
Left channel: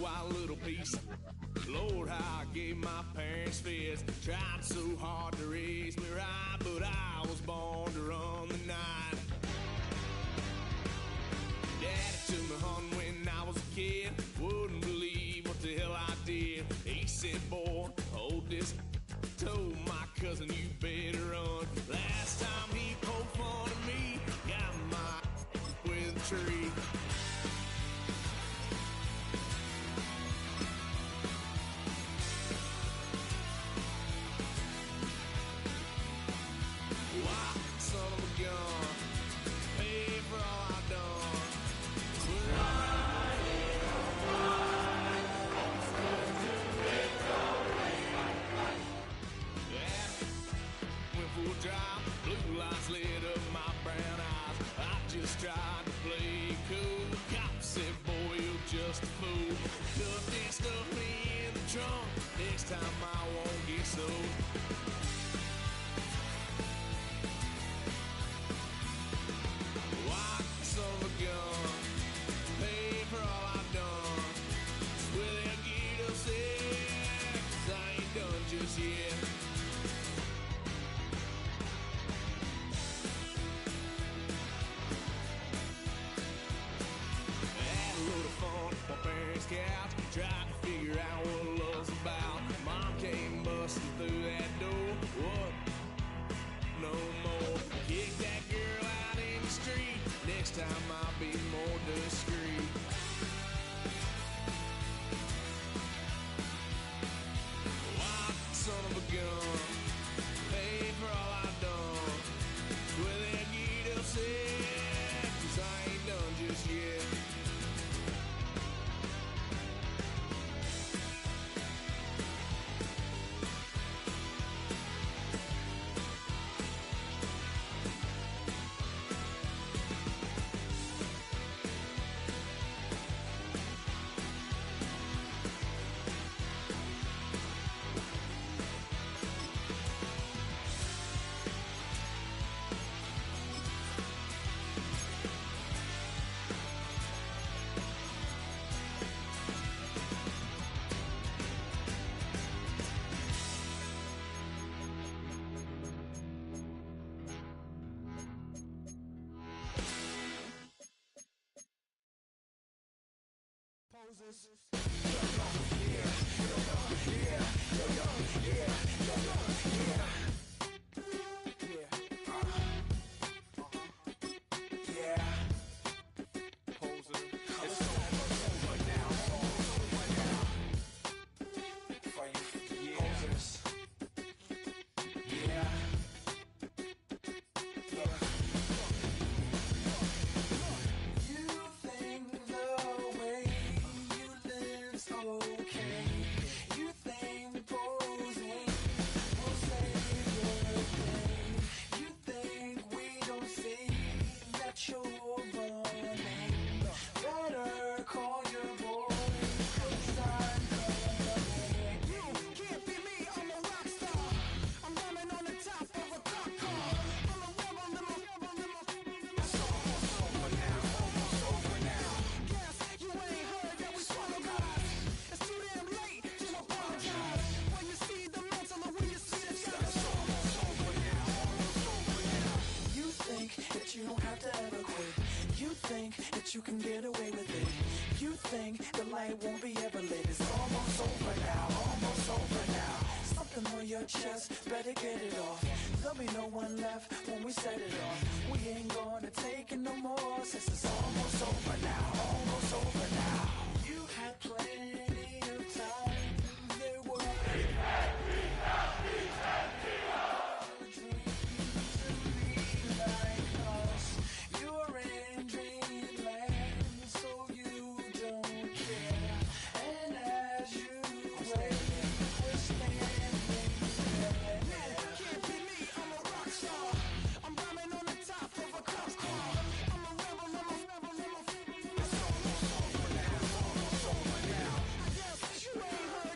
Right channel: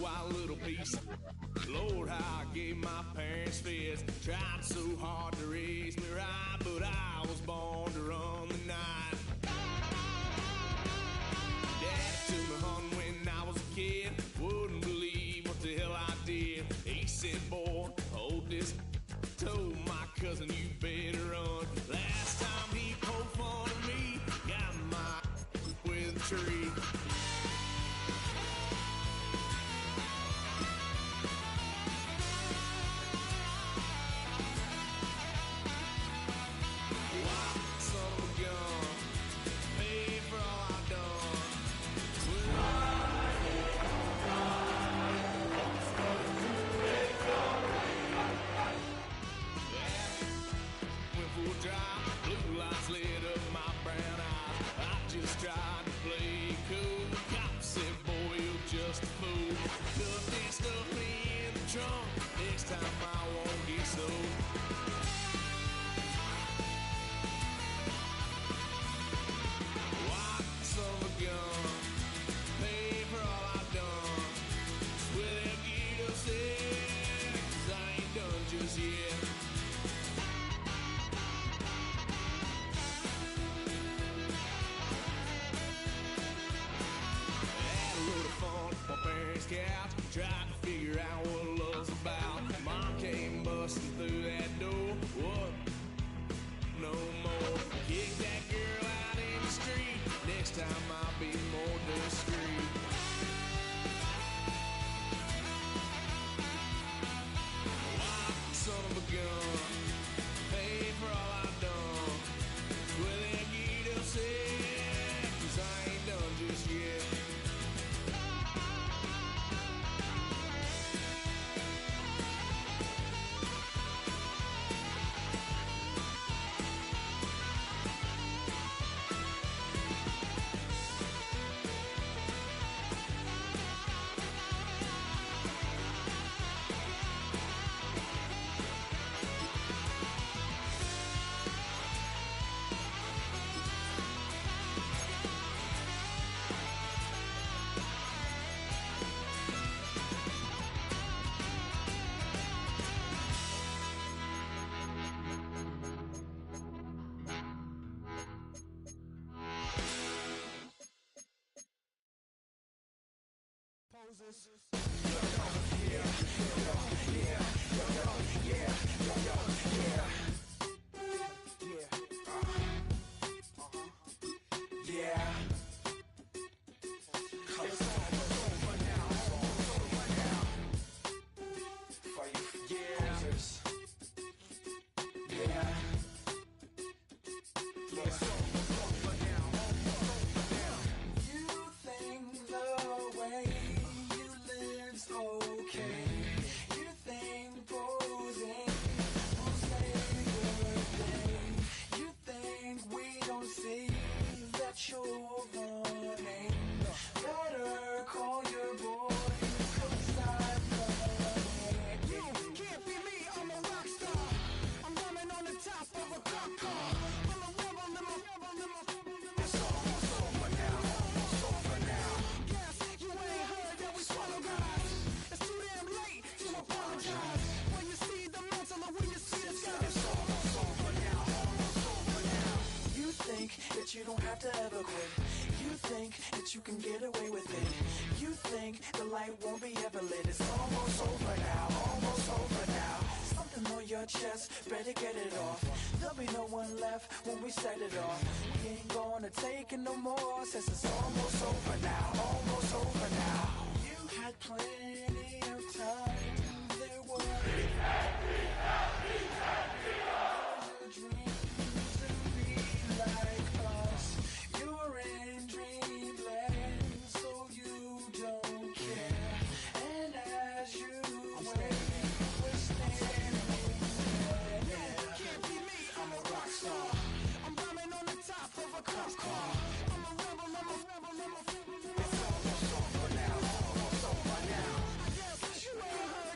Wild little piece. Lord, how I gave my parents fits. Tried so hard to raise me right, but I was born to run the night. Daddy took me home when I was a kid. Wouldn't believe what the hell I did. He said, boy, hold this. Told my cousin, you better run. Last time he poked fun of me, got my with a tree. Blue lights lit up my brown eyes. I just tried to play cool. Cop said, boy, you're just a fool. Duffed and stuffed me in the trunk. Next time I won't get so. White son of a gun. Pay for all I've done. Swear they'll get upset, 'cause I ain't done just yet. My parents' couch, tried to figure out what love's about. Mom came busting through that door. What? No more. Kick that girl out in the street. Next time I'll be more discreet. Wild son of a gun. Pay for all I've done. Swear they'll get upset, 'cause I ain't done just yet. Poses. to get it off. There'll be no one left when we set it off. We ain't gonna take it no more, since it's almost over now. Almost over now. You had plans